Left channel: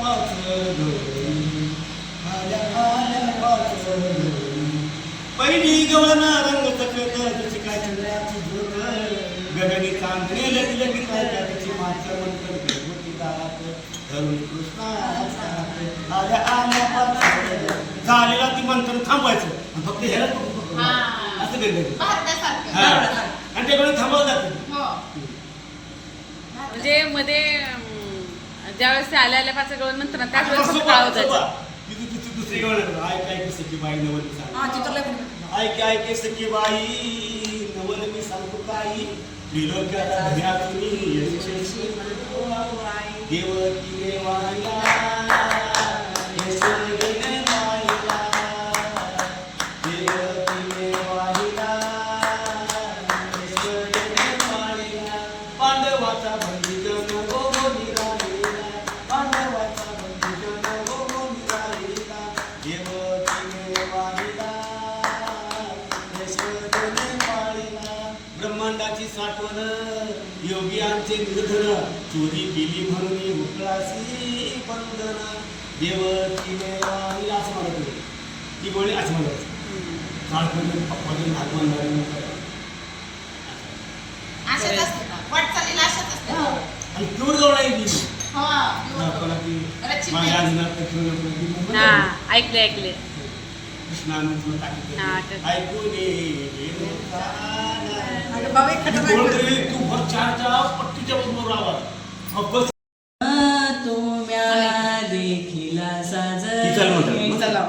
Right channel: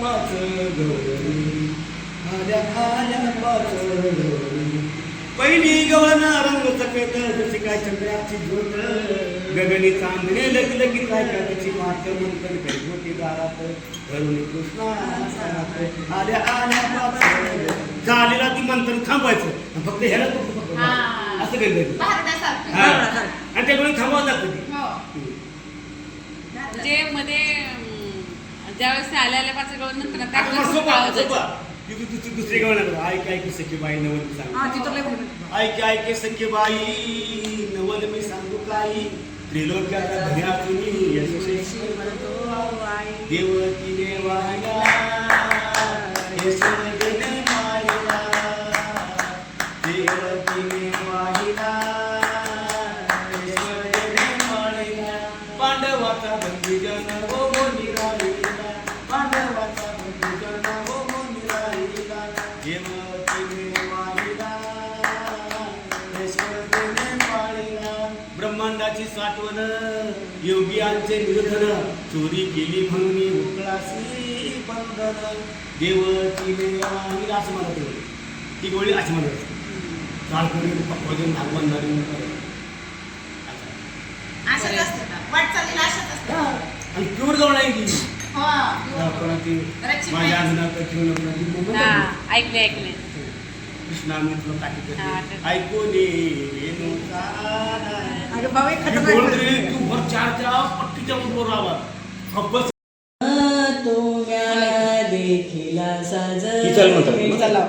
पाच गवळणी आल्या आल्या पाच गवळणी पहिली गवळणा रंग सफेद जशी काय चंद्राची झोत गगनी चांदणे लगी लगी काय तिची मात मंत्र गणपती दात धरुणी कृष्णा आल्या आल्या पाच झालेला ती मंत्र थांबायचं फक्त ह्याला असं गणपती आणि त्याकडे थांबवलं जातं म्हणजे मध्ये ज्यावेळेस आल्या आल्या पाच गवळ नंतर दुसरी गवळ ऐक ऐक सखी बाई नवल मी सांगतो ऐक ऐक सखी बाई नवल मी सांगतो काही त्रिलोक्याचा भया तुम्ही देवकी देवाईला यशोदेने माईला देवकी देवाईला यशोदेने माईला पांडवाचा बंधुजन हो निराळीला पांडवाचा बंधुजन हो निराळीला देवकी देवाईला यशोदेने माईला ब्रह्मांडाची साठवण योगियांचे निर्धन चोरी केली म्हणून उकळासी बंधन देवकी देवाईला असं म्हणत होते ती गोळी अशी म्हणत कालपूर्वी भजन भागवंदारी आणि प्युअर जवळ आहे की माझ्या ऐकले ऐकले कृष्णा मी तुला सांगितलं ऐकू दे तू भर चारच्या पट्टीच्या बरोबर राहा देखीला साज ही चांगली झालं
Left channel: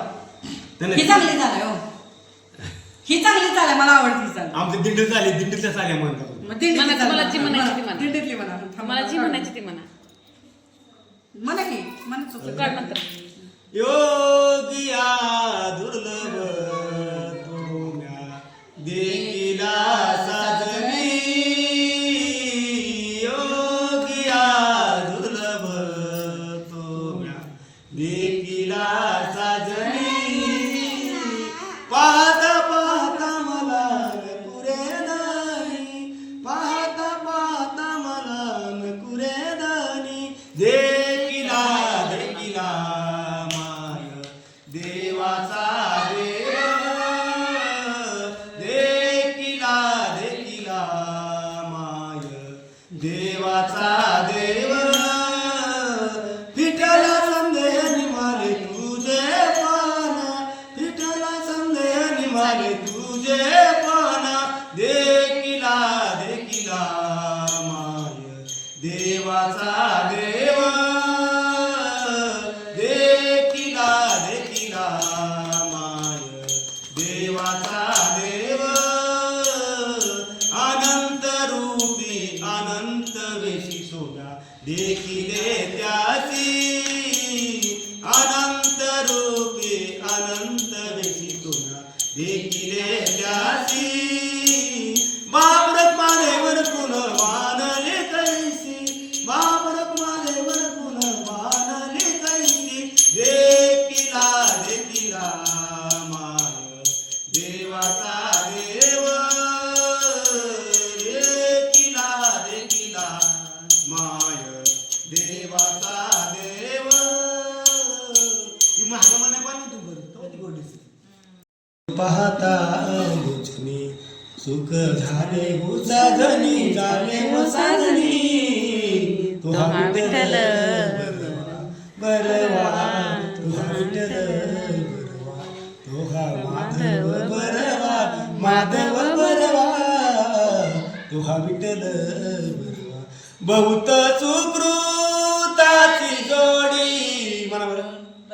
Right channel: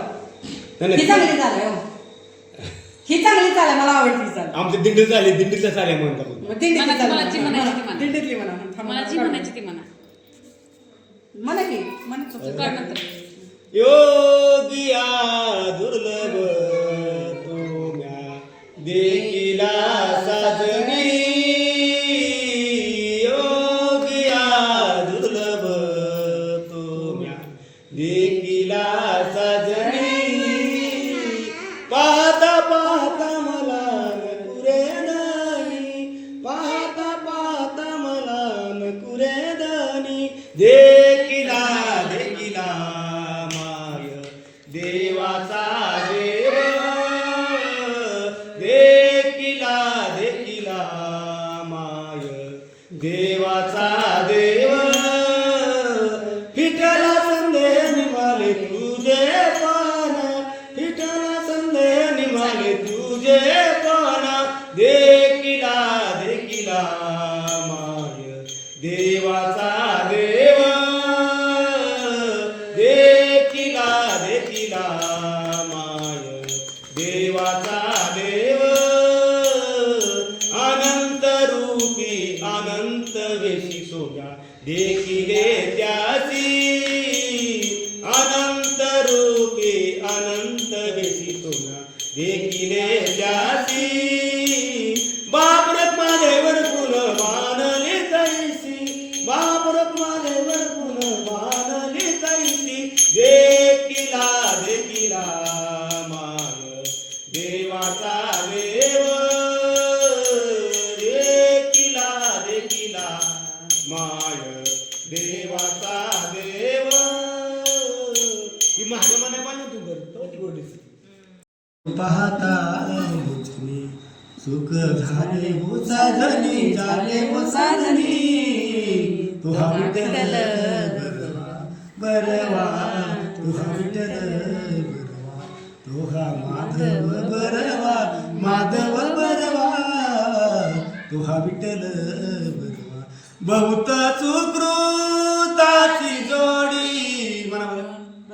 हो ही चांगली चालेल मला आवडती चाल आमचे दिंडी झाले दिंडीतल्या साऱ्या म्हणतात मला जी म्हणायची ती म्हणा दिंडीतली म्हणा मला जी म्हणायची ती म्हणा म्हणा की म्हणत काय म्हणतात योगिया दुर्लभ तुम्या देखीला साजनी योगिया दुर्लभ तुम्या देखीला साजनी पाहता पाहता मला नकुरे दानी पाहता पाहता मला नकुरे दानी देखीला देखीला माय देवाचा देव देखीला देखीला माय देवाचा देव विठ्ठला संदेह निमाले तुझे पाना विठ्ठला संदेह निमाले तुझे पाना देखीला देखीला माय देवाचा देव देखीला देखीला माय देवाचा देव अनंत रूपी अनंत वेशी सोजा देखिले त्याची अनंत रूपी अनंत वेशी सोजा देखिले त्याची बापरत मानेवर पुन मानले कैसी बापरत मानेवर पुन मानले कैसी देखिला देखिला माय देवाचा देव देखिला देखिला माय देवाचा देव ही महागमाने मान्य तू कर तो ती गोडी पाहता बुचनी सुख झाले मुसाधनी झाले मुसाधनी तुहा विठ्ठल बरवा तुहा विठ्ठल बरवा तुहा माधव बरवा माधव बरवा तुहा विठ्ठल बरवा बहुत सुकृताची जोडी म्हणा बरं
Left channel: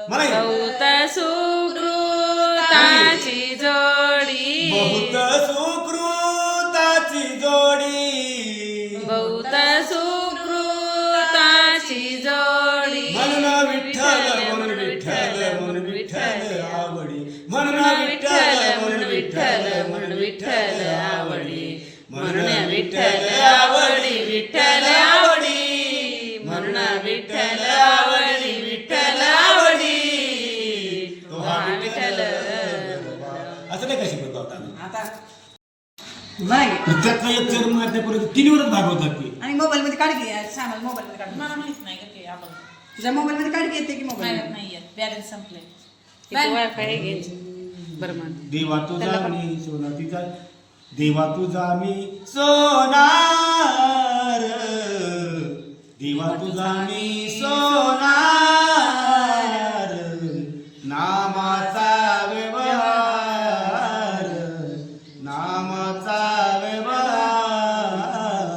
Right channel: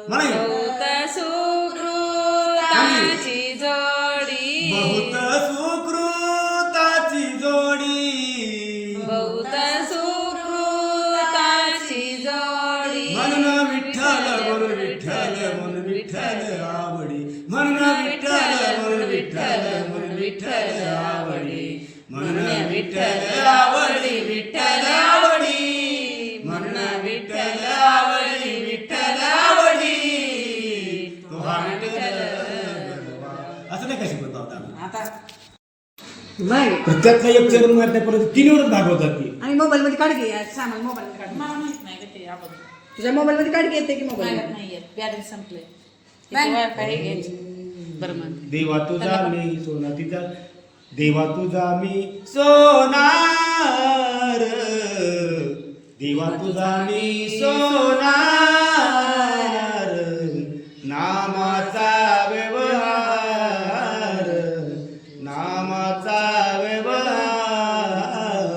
म्हणा बहुत सुकृताची जोडी बहुत सुकृताची जोडी बहुत सुकृताची जोडी म्हणून विठ्ठल म्हणून विठ्ठल म्हणून विठ्ठल आवडी म्हणून विठ्ठल म्हणून विठ्ठल म्हणून विठ्ठल आवडी म्हणून विठ्ठल आवडी विठ्ठल आवडी म्हणून विठ्ठल आवडी विठ्ठल आवडी तो हा विठ्ठल असं नाही कशी म्हणतो आता नाही प्रत्येकाला एक चरण मारण्यापर्यंत 3 वरच भागवतात ती आणि मोबाईल मध्ये काढ घे सामान मोबाईल मध्ये काढ मला माहित नाही ते आपण तुझ्या मोबाईल मध्ये काढ येते की मोबाईल नाही येत बॅलन्स संपले वायफाय घ्यायचं बरं म्हण देवा तुझा मी सोना तिचा देवा तुझा मी सोनार देवा तुझा मी सोनार नामाचा व्यवहार नामाचा व्यवहार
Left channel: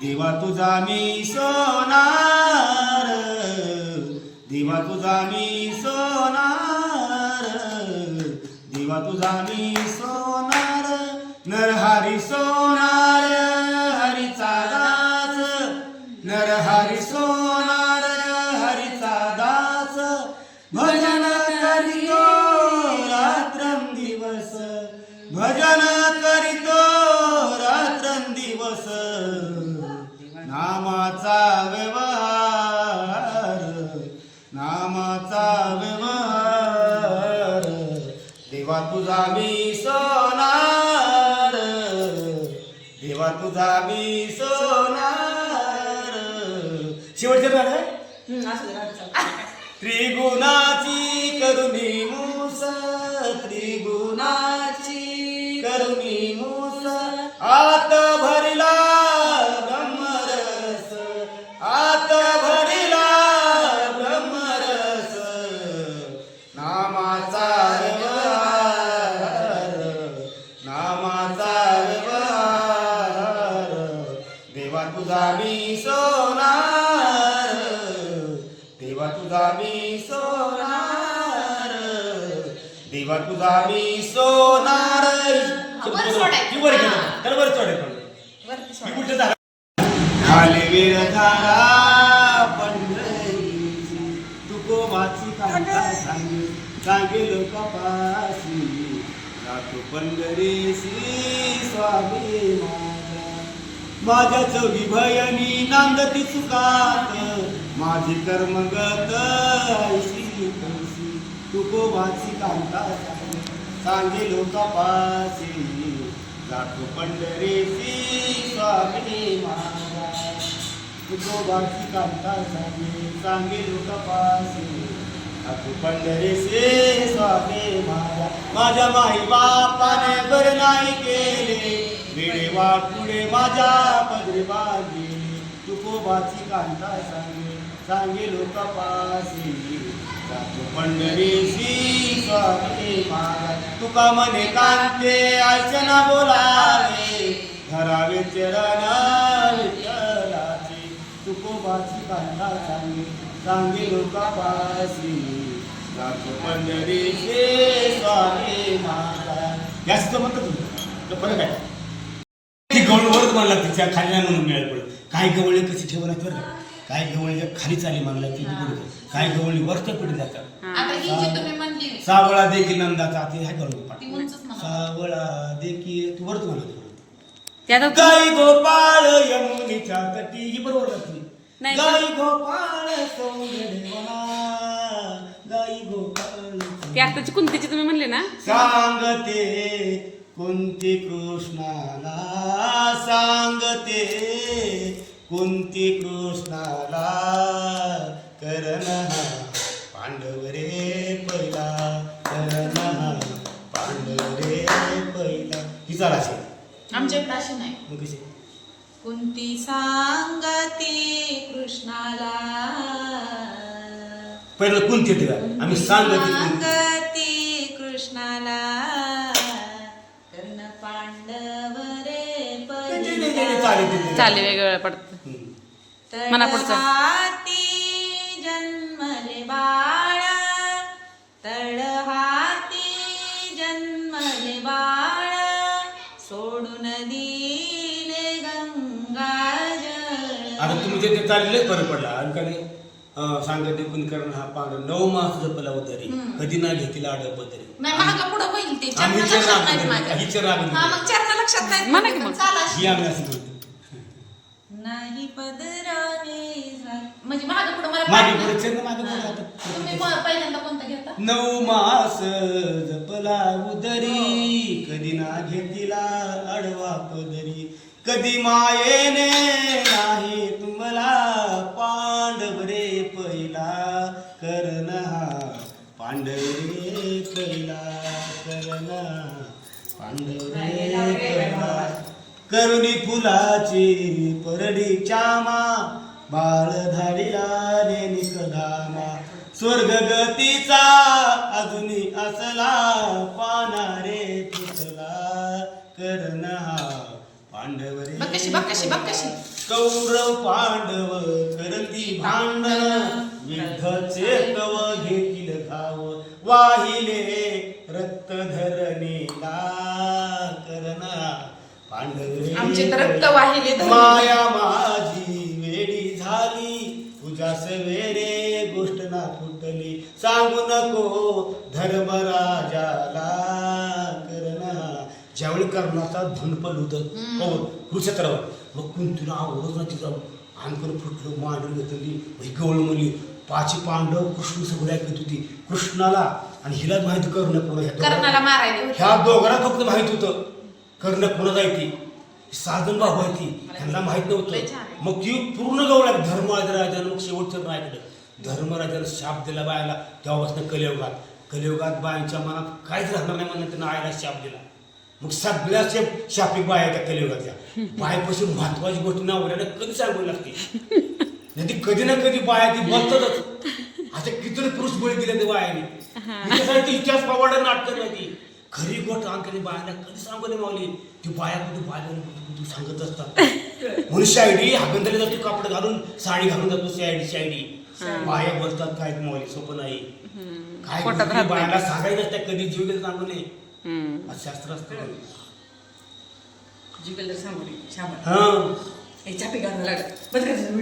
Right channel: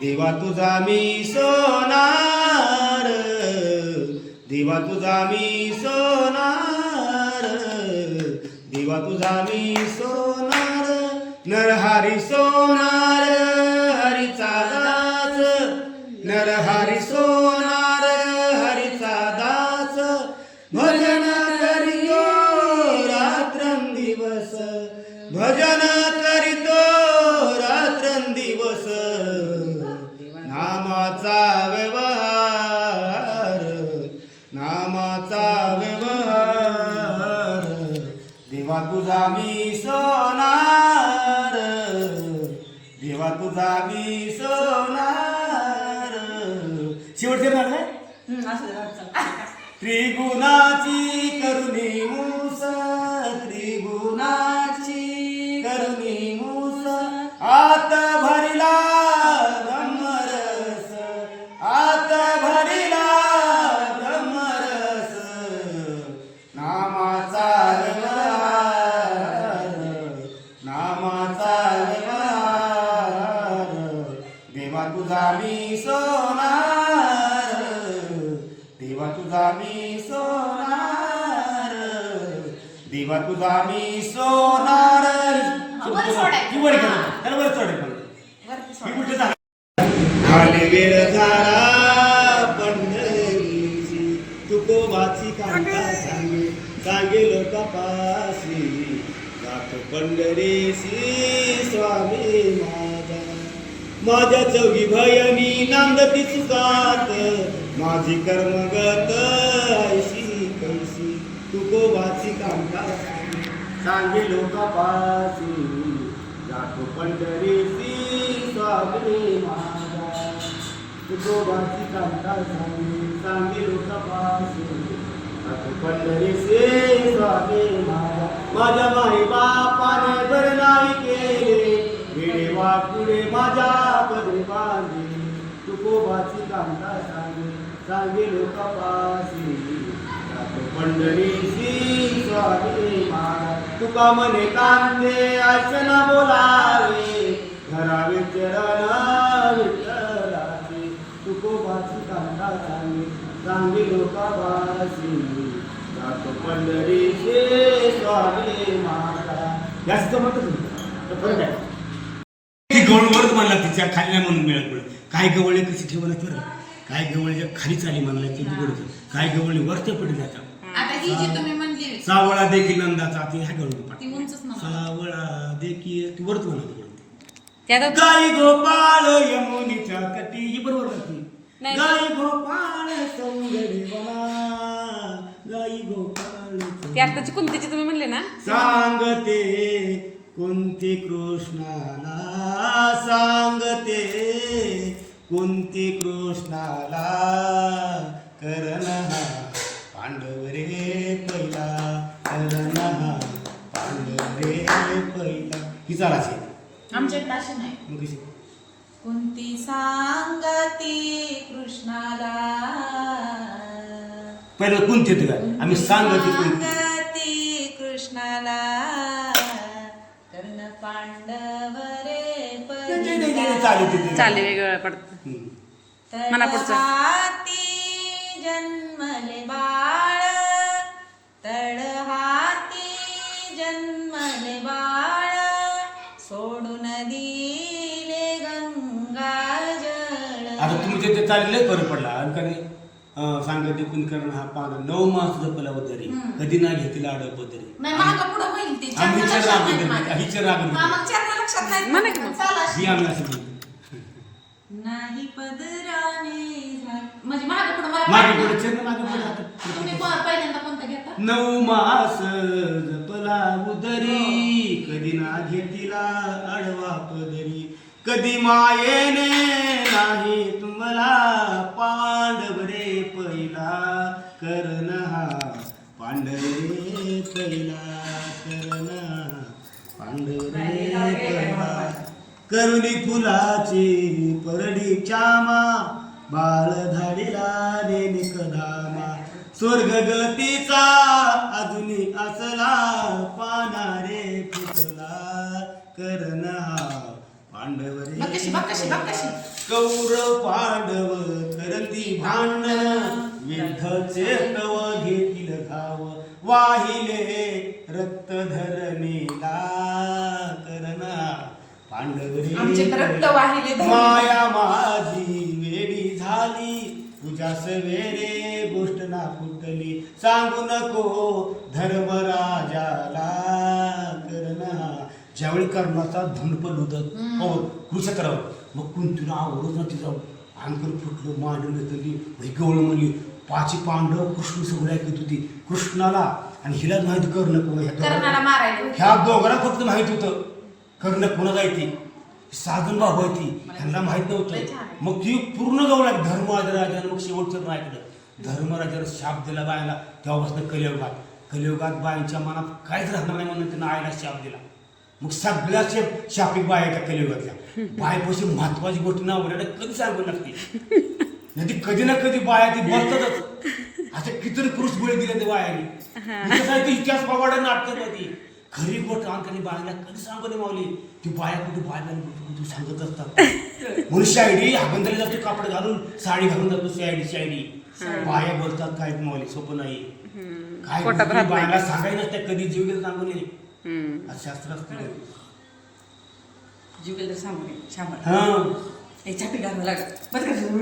देवा तुझा मी सोनार देवा तुझा मी सोनार देवा तुझा मी सोनार नरहरी सोनार हरीचा दास नरहरी सोनार हरीचा दास भजन करितो रात्रंदिवस भजन करितो रात्रंदिवस नामाचा व्यवहार नामाचा व्यवहार देवा तुझा मी सोनार देवा तुझा मी सोनार शेवटचे राग आहे असं जरा त्रिगुणाची करुणी मूस त्रिगुणाची करुणी मूस आत भरिला ब्रह्मरस आत भरिला ब्रह्मरस नामाचा व्यवहार नामाचा व्यवहार देवा तुझा मी सोनार देवा तुझा मी सोनार देवा तुझा मी सोनार वरती सोडायचं. खाली वेळ झाला पंढरीची तुकोबाची कांता सांगे सांगे लोकापाशी जातो पंढरीशी स्वामी माझा माझ्या चौघी भयनी नांदती चुकात माझी कर्मगत ऐशी कैसी तुकोबाची कांता सांगे लोकापाशी जातो पंढरीशी स्वामी माझा तुकोबाची कांता सांगे लोकापाशी जातो पंढरीशी स्वामी माझा माझ्या माई बापाने बर नाही केले वेळे वाट पुढे माझ्या पदरी बांधली तुकोबाची कांता सांगे लोकापाशी जातो पंढरीशी स्वामी महाराज तुका मने कांते अर्चना बोलावे धरावे चरण विठ्ठलाची तुकोबाची कांता सांगे लोकापाशी जातो पंढरीशी स्वामी महाराज जास्त म्हणतो तर फरक आहे गवळवर मला तिच्या खाली नाही म्हणून मिळत पडत काय गवळे कसे ठेवणार बरं काय गवळीच्या खाली चाली म्हणला ती पडत काय गवळी वरत पडत जातात आता ही जी तुम्ही म्हणली सावळा देखी नंदाचा ते ह्या गवळी ती उंचच म्हणा. सावळा देखी तू वरत म्हणा त्यात गाई गोपाळ यमुनीच्या तटी ही बरोबर जाते नाही. गाई गोपाळ सौंदर्यवना गाई गोपाळ ती आताची कुंतीची तुम्ही म्हणले ना सांगते कुंती कृष्णाला सांगते कुंती कृष्णाला करण हा पांडव रे पहिला करण हा पांडव रे पहिला ही चाल असेल आमच्या ताशी नाही मग कशी कुंती सांगती कृष्णाला पहिलं कुंती येते का आम्ही सांगते कुंती सांगती कृष्णाला कर्ण पांडव रे चाली वेगवेगळ्या पडत मना पुढचं. तळहाती जन्मले बाळ तळहाती जन्मले बाळ सोडून दिले गंगा जळ. आता तुम्ही जे ते चाललेच बरं पडला आणि का नाही सांगते कुंकर्ण हा पांड 9 मास जपला उतरी कधी ना घेतला आडव पदरी नाही मागं पुढं होईल ते आम्ही चरण लक्षात नाही माझ्या. हिचे राग हा, मग चरण लक्षात नाही म्हणा की मग. चाल अशी. ही आम्ही असं म्हणतो. नाही पदराने म्हणजे मागे पुढं मला मागे वाटलं. पुढे चरण मागे पुढे आता तुम्ही पहिल्यांदा कोणता घेता 9 मास जपला उदरी कधी ना घेतला आडवा पदरी कधी मायेने नाही तुम्हाला पांडव रे पहिला करुणी फुलाची परडी चामा बाळ धाडिला नेनिक धामा स्वर्ग गतीचा अजूनी असला पानारे फुटला करण हा पांडव रे बक्कशी. कौरव पांडव करती भांडण विठ्ठचे तव घेतील घाव वाहिले रक्त धरणीला करणा पांडव आमचे तर रक्त वाहिले धरणी. माया माझी वेडी झाली तुझ्या सवेरे गोष्ट ना फुटली सांगू नको धर्मराजाला करणा ज्यावेळी कर्णाचा धनपल होतं कुरुक्षेत्रावर मग कुंतीला आवडत ना तिचं अंकन फुटलं मांडून घेतली गवळ म्हणली पाची पांडव कृष्ण सगळं ऐकत होती कृष्णाला आणि हिला माहिती कर्ण कोण कर्णाला मारायला ह्या दोघांना फक्त माहित होतं कर्ण कोणाला आहे साधन भाऊ आहे ती त्यांना माहित नव्हतं मग ती पूर्ण गवळा धर्मराजानं मग शेवटचं ऐकलं धर्मराजानं शाप दिला बायाला तेव्हापासून कलियुगात बायांच्या मनात काहीच राहणार नाही म्हणून त्यांना आईला शाप दिला मग सगळ्या शापिक बाया त्या कलियुगातल्या बायपाशी महत्वाची गोष्ट नवऱ्याला कधी सांगावी लागते नाही ती कधी ना कधी बाया ती बघतातच अशा किती पुरुष बळी दिले ते बायाने इतिहास प्रवाड नाटक ती खरी गोष्ट आणखी बायाला कधी सांगू नये मावली ती बाया कुठे बाया सांगत असतात म्हणून शायडी हागंदाली जातो कापड घालून साडी घालून जातो शायडी बाया बसतात काय मावली सोपं नाही काय बायाला सांगायचं नसतं कधी जीव गेलं सांगू नये शास्त्र असतं जीव गेलं सांगू नये हा छापी घालायला लागलं